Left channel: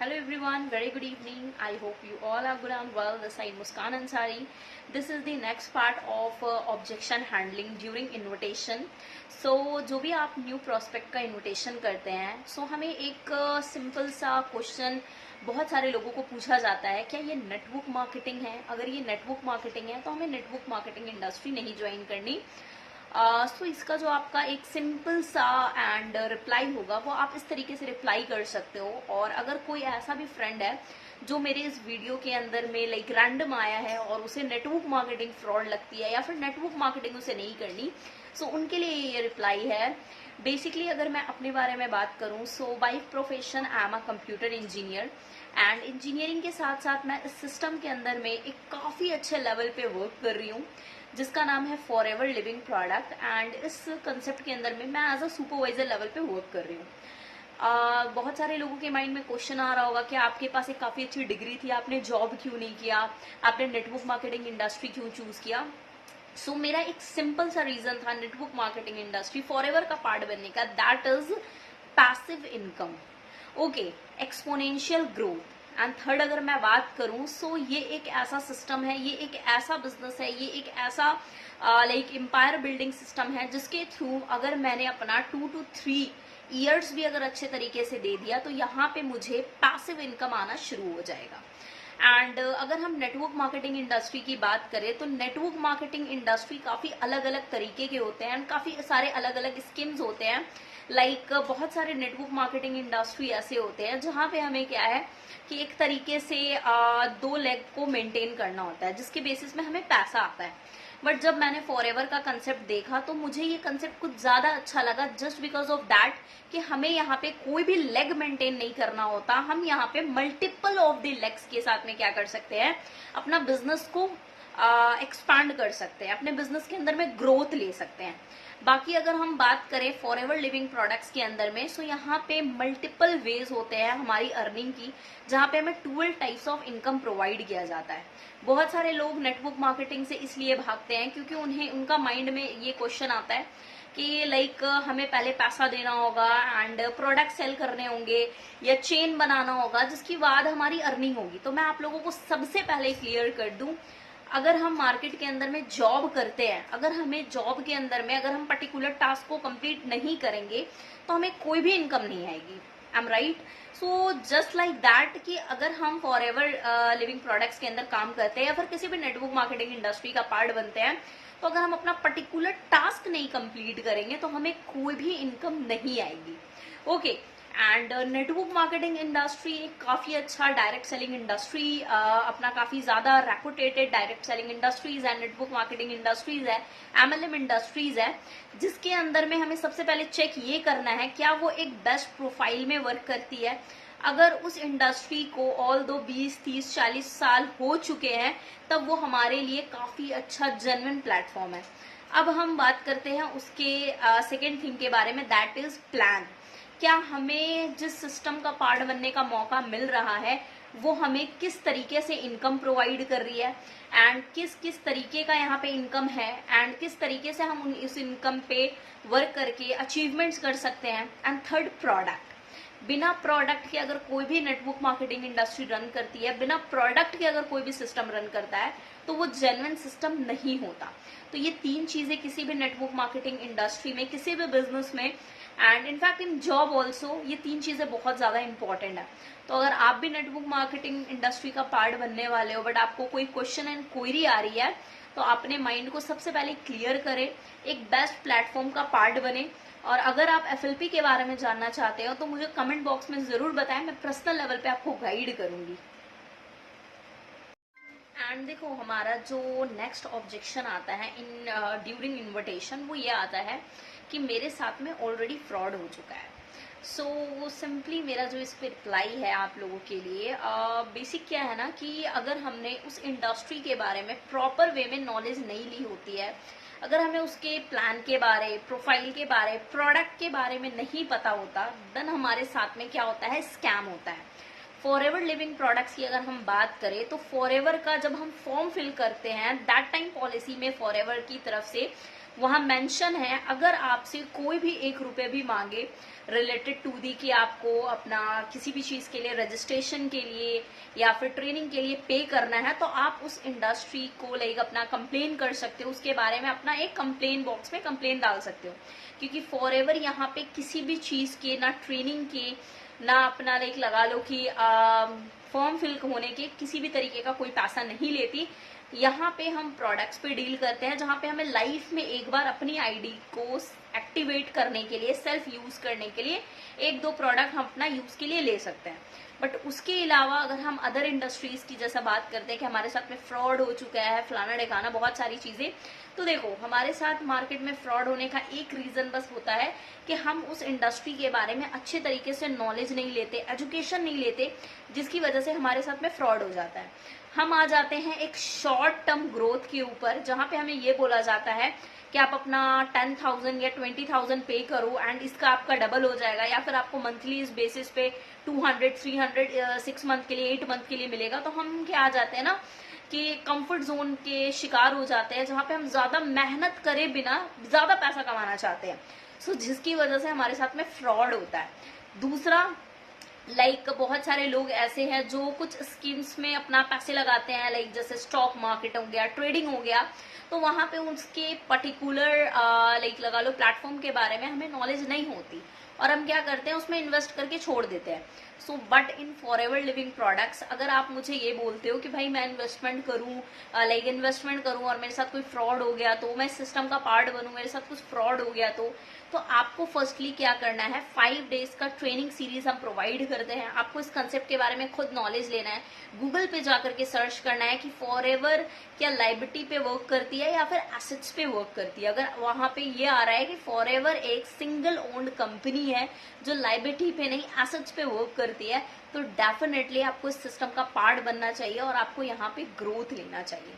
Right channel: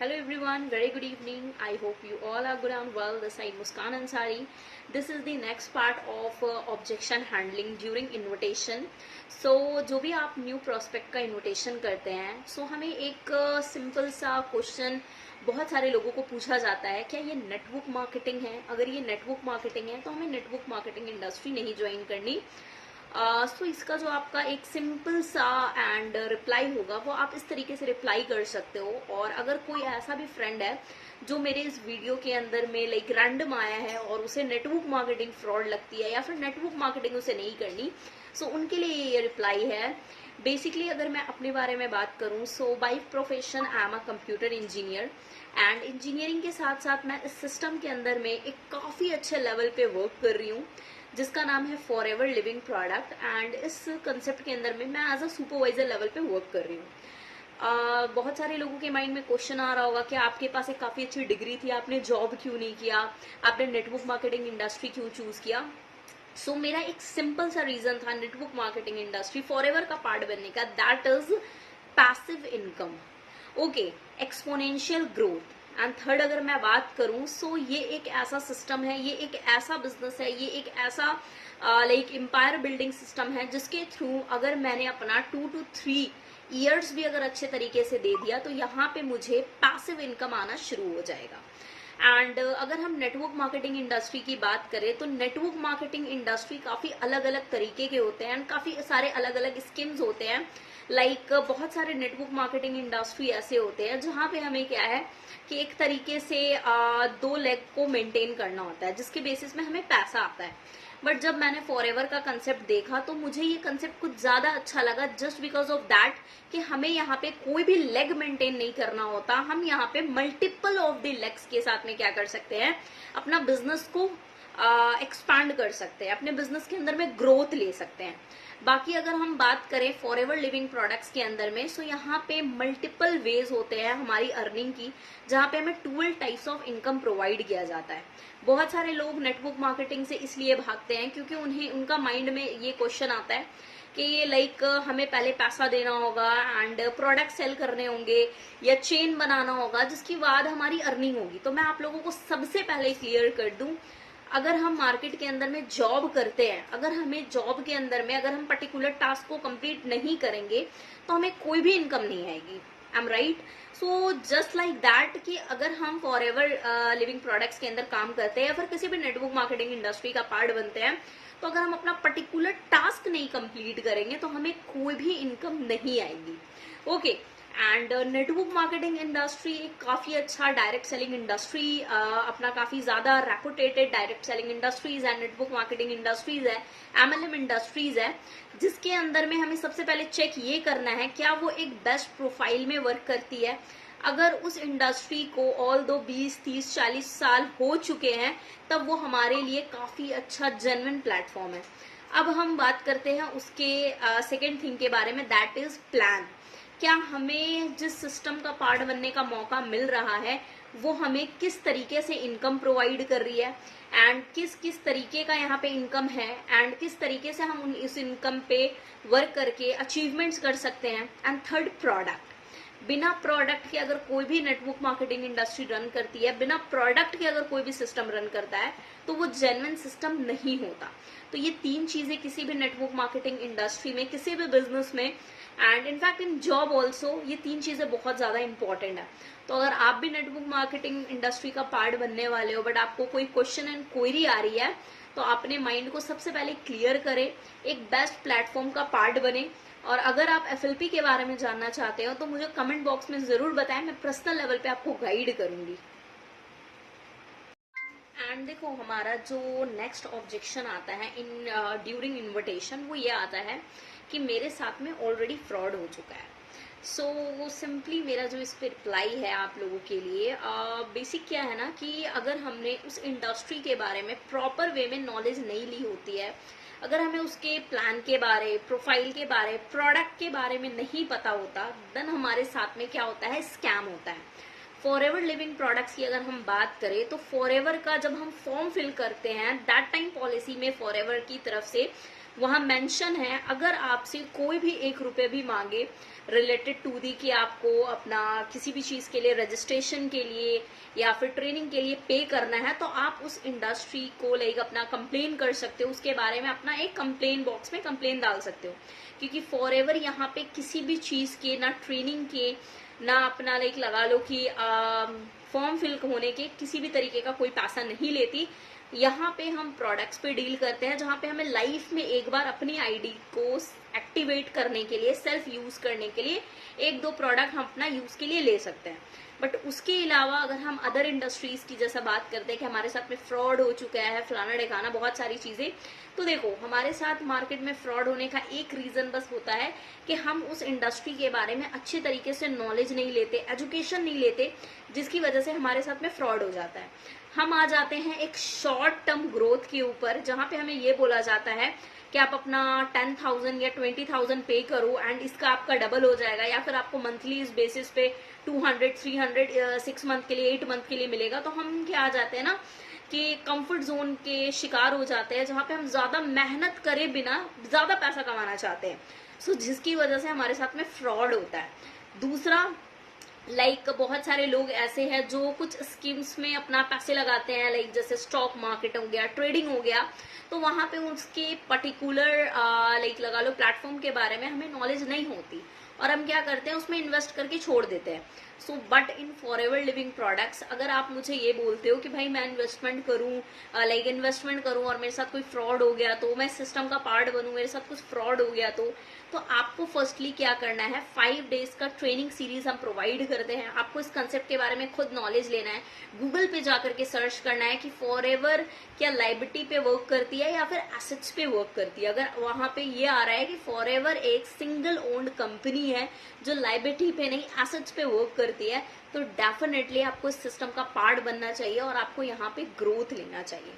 Hello everyone, very good evening. I hope you all are good and well. This side Muskan Ansari. This is the next part of objection handling during invitation. So जो भी आप new prospect का invitation करते हैं, सो हमें एक simple सा question बहुत सारे लोगों को पूछा जाता है, क्या ये नेटवर्क मार्केटिंग है? अगर ये नेटवर्क मार्केटिंग है तो हमें नेटवर्क मार्केटिंग इंडस्ट्री नहीं ज्वाइन करनी। सो इसका जो आपका एक सिंपल सा एंड रिप्लाई होगा वो आप इस तरीके से रिप्लाई कर सकते हो। और अगर कोई ऐसा भी फ्रेंड है जो मेरे इस वीडियो के अंदर में लाइक रैंडम आया है और उसे नेटवर्क मार्केटिंग फ्रॉड लगती है या फिर नेटवर्क मार्केटिंग उसे नहीं करनी, सो उनके लिए ये रिप्लाई है। बेसिकली अगर मैं अपने बारे में बात करूं, so by profession I am a computer engineer and engineering के साथ साथ मैं इस सिस्टम के अंदर में एक काफी अच्छे लेवल पे वर्क कर रही हूँ जिसका नाम है फॉरएवर लिविंग प्रोडक्ट। एंड इस कंसेप्ट के अंदर में मैं एज अ सुपरवाइजर लेवल पे वर्क कर रही हूँ। बहुत सारे लोगों के माइंड में क्वेश्चन आ रहा होगा कि आपके पास एक काफी अच्छी डिग्री थी, आपने जॉब क्यों नहीं किया, आपने नेटवर्क मार्केटिंग इंडस्ट्री क्यों चूज किया? सो मेरा एक सिंपल सा रीजन था नेटवर्क मार्केटिंग इंडस्ट्री फॉरएवर का पार्ट बनने का, that is passive income. Okay, exponential growth. And third अगर मैं बात करूं, सो ये एक ऐसा सिस्टम है, ये एक ऐसा बिजनेस है, ये एक ऐसा लाइक एम्पायर बिल्डिंग सिस्टम है जिसके थ्रू अगर मैंने अपना 2 to 3 ईयर्स भी अगर अच्छे तरीके से दे दिया तो यहाँ पे मुझे पैसिव इनकम आना शुरू हो जाएगा। एंड अगर हम नेटवर्क मार्केटिंग इंडस्ट्री की बात करें तो नेटवर्क मार्केटिंग इंडस्ट्री काफी अलग अलग तरीके के होते हैं एंड काफी सारे अलग अलग स्कीम्स होते हैं। लाइक बहुत सारे नेटवर्क मार्केटिंग इंडस्ट्री ऐसे होते हैं जहां पे हमें क्या है कि एक तरीके से 2 लेग को मेंटेन करना होता है जिसके बेसिस में हमें पैसा आता है। बट जब मैंने फॉरएवर का कंसेप्ट देखा तो मुझे ये कंसेप्ट कुछ ज्यादा अच्छा लगा, जस्ट बिकॉज ऑफ दैट कि हमें यहाँ पे कोई भी लेग मेंटेन नहीं करना होता। हम यहाँ पे मल्टीपल ऑफ द लेग्स के साथ में क्या कर सकते हैं, अपना बिजनेस को एक्सपांड कर सकते हैं, अपने बिजनेस के अंदर में ग्रोथ ले सकते हैं। बाकी अगर हम बात करें फॉरएवर लिविंग प्रोडक्ट्स के अंदर में, सो यहाँ पे मल्टीपल वेज होते हैं हमारी अर्निंग की, जहाँ पे हमें 12 टाइप्स ऑफ इनकम प्रोवाइड किया जाता है। बहुत सारे लोग नेटवर्क मार्केटिंग से इसलिए भागते हैं क्योंकि उनका माइंड में ये क्वेश्चन आता है कि लाइक हमें पहले पैसा देना होगा एंड प्रोडक्ट सेल करने होंगे या चेन बनाना होगा जिसके बाद हमारी अर्निंग होगी। तो मैं आप लोगों को सबसे पहले क्लियर कर दूं, अगर हम मार्केट के अंदर में जॉब करते हैं, अगर हमें जॉब के अंदर में अगर हम पर्टिकुलर टास्क को कंप्लीट नहीं करेंगे तो हमें कोई भी इनकम नहीं आएगी। I am right? So just like that कि अगर हम फॉरएवर लिविंग प्रोडक्ट्स के अंदर काम करते हैं या फिर किसी भी नेटवर्क मार्केटिंग इंडस्ट्री का पार्ट बनते हैं, तो अगर हम अपना पर्टिकुलर टास्क नहीं कंप्लीट करेंगे तो हमें कोई भी इनकम नहीं आएगी। Okay, and network marketing industry काफी अच्छा डायरेक्ट सेलिंग इंडस्ट्री, अपना काफी ज्यादा रेपुटेटेड डायरेक्ट सेलिंग इंडस्ट्रीज है, नेटवर्क मार्केटिंग इंडस्ट्रीज है, एमएलएम इंडस्ट्रीज है, जिसके अंदर में हमें सबसे पहले चेक ये करना है क्या वो एक बेस्ट प्रोफाइल में वर्क करती है। अगर उस इंडस्ट्री को ऑल दो 20, 30, 40 साल हो चुके हैं तब वो हमारे लिए काफी अच्छा जेन्युइन प्लेटफॉर्म है। अब हम बात करते हैं उसके सेकेंड थिंग के बारे में, दैट इज प्लान। क्या हमें जिस सिस्टम का पार्ट बनने का मौका मिल रहा है वो हमें किस तरीके से इनकम प्रोवाइड कर रही है एंड किस किस तरीके का यहाँ पे इनकम है एंड किस तरीके से हम इस इनकम पे वर्क करके अचीवमेंट्स कर सकते हैं। And third, product. बिना प्रोडक्ट के अगर कोई भी नेटवर्क मार्केटिंग इंडस्ट्री रन करती है, बिना प्रोडक्ट के अगर कोई भी सिस्टम रन करता है तो वो जेन्युइन सिस्टम नहीं होता। तो ये 3 चीजें किसी भी नेटवर्क मार्केटिंग इंडस्ट्री में, किसी भी बिजनेस में and in fact in job also, ये 3 चीजें बहुत ज्यादा इंपॉर्टेंट है। तो अगर आप भी नेटवर्क मार्केटिंग इंडस्ट्री का पार्ट बनने वाले हो बट आपको कोई क्वेश्चन एंड क्वेरी आ रही है तो अपने माइंड को सबसे पहले क्लियर करें, एक बेस्ट प्लेटफॉर्म का पार्ट बने। और अगर आप एफएलपी के बारे में जानना चाहते हो तो मुझे कमेंट बॉक्स में जरूर बताएं, मैं पर्सनल लेवल पे आपको गाइड करूंगी। एंड देखो, हमारा जो नेक्स्ट ऑब्जेक्शन आता है इन ड्यूरिंग इन्विटेशन, वो ये आता है कि मेरे साथ में ऑलरेडी फ्रॉड हो चुका है। सो सिंपली मेरा जो इस पे रिप्लाई है आप लोगों के लिए, बेसिक क्या है ना कि अगर हमने उस इंडस्ट्री के बारे में प्रॉपर वे में नॉलेज नहीं ली होती है, अगर हमें उसके प्लान के बारे, प्रोफाइल के बारे, प्रोडक्ट के बारे में नहीं पता होता, देन हमारे साथ में क्या होता है, स्कैम होता है। फॉरएवर लिविंग प्रोडक्ट्स की अगर हम बात करें तो फॉरएवर का जब हम फॉर्म फिल करते हैं, दैट टाइम पॉलिसी में फॉरएवर की तरफ से वहां मेंशन है, अगर आपसे कोई भी 1 रुपए भी मांगे रिलेटेड टू दी कि आपको अपना किसी भी चीज के लिए रजिस्ट्रेशन के लिए या फिर ट्रेनिंग के लिए पे करना है, तो आप उस इंडस्ट्री को लाइक अपना कंप्लेन कर सकते हो, उसके बारे में अपना एक कंप्लेन बॉक्स में कंप्लेन डाल सकते हो। क्योंकि फॉर एवर यहाँ पे किसी भी चीज के, ना ट्रेनिंग के, ना अपना लाइक लगा लो कि फॉर्म फिल होने के किसी भी तरीके का कोई पैसा नहीं लेती। यहाँ पे हम प्रोडक्ट्स पे डील करते हैं, जहाँ पे हमें लाइफ में एक बार अपनी आईडी को एक्टिवेट करने के लिए, सेल्फ यूज करने के लिए एक दो प्रोडक्ट हम अपना यूज के लिए ले सकते हैं। बट उसके अलावा अगर हम अदर इंडस्ट्रीज की जैसा बात करते हैं कि हमारे साथ में फ्रॉड हो चुका है, फलाना ढिकाना, बहुत सारी चीजें, तो देखो हमारे साथ मार्केट में फ्रॉड होने का एक रीजन बस होता है कि हम उस इंडस्ट्री के बारे में अच्छे तरीके से नॉलेज नहीं लेते, एजुकेशन नहीं लेते, जिसकी वजह से हमारे साथ में फ्रॉड हो जाता है। हम आ जाते हैं एक शॉर्ट टर्म ग्रोथ के ऊपर, जहां पे हमें ये बोला जाता है कि आप अपना 10,000 या 20,000 पे करो एंड इसका आपका डबल हो जाएगा, या फिर आपको मंथली इस बेसिस पे 200, 300 6 मंथ के लिए, 8 मंथ के लिए मिलेगा। तो हम क्या आ जाते हैं ना कि कंफर्ट जोन के शिकार हो जाते हैं, जहां पे हम ज्यादा मेहनत करे बिना ज्यादा पैसा कमाना चाहते हैं। सो जिसकी वजह से हमारे साथ में फ्रॉड होता है। दूसरा, बहुत सारे लोग ऐसे हैं जो कुछ स्कीम्स में अपना पैसे लगाते हैं, जैसे स्टॉक मार्केट हो गया, ट्रेडिंग हो गया, तो वहां पे उसके पर्टिकुलर लगा लो प्लेटफॉर्म के बारे में हमें नॉलेज नहीं होती और हम क्या करते हैं, उसमें इन्वेस्ट करके छोड़ देते हैं। So but in for ever living products, अगर आप मुझे ये बोलते हो कि भाई मैं इन्वेस्टमेंट करूं, इन्वेस्टमेंट करूं और मेरे साथ कोई फ्रॉड हो गया, तो मैं सिस्टम का पार्ट बनूं, मेरे साथ कुछ फ्रॉड हो गया, तो आपको फर्स्टली क्या करना है, 5 डेज का ट्रेनिंग सीरीज हम प्रोवाइड करते हैं। आपको इस कंसेप्ट के बारे में खुद नॉलेज लेना है, गूगल पे जाकर के सर्च करना है कि फॉर एवर क्या लायबिलिटी पे वर्क करती है या फिर एसेट्स पे वर्क करती है। अगर वहां पे ये आ रहा है कि फॉर एवर एक सिंगल ओन्ड कंपनी है जो लायबिलिटी पे नहीं एसेट्स पे वर्क करती है, तो डेफिनेटली आपको इस सिस्टम का पार्ट बनना चाहिए और आपको यहाँ पे ग्रोथ लेना चाहिए।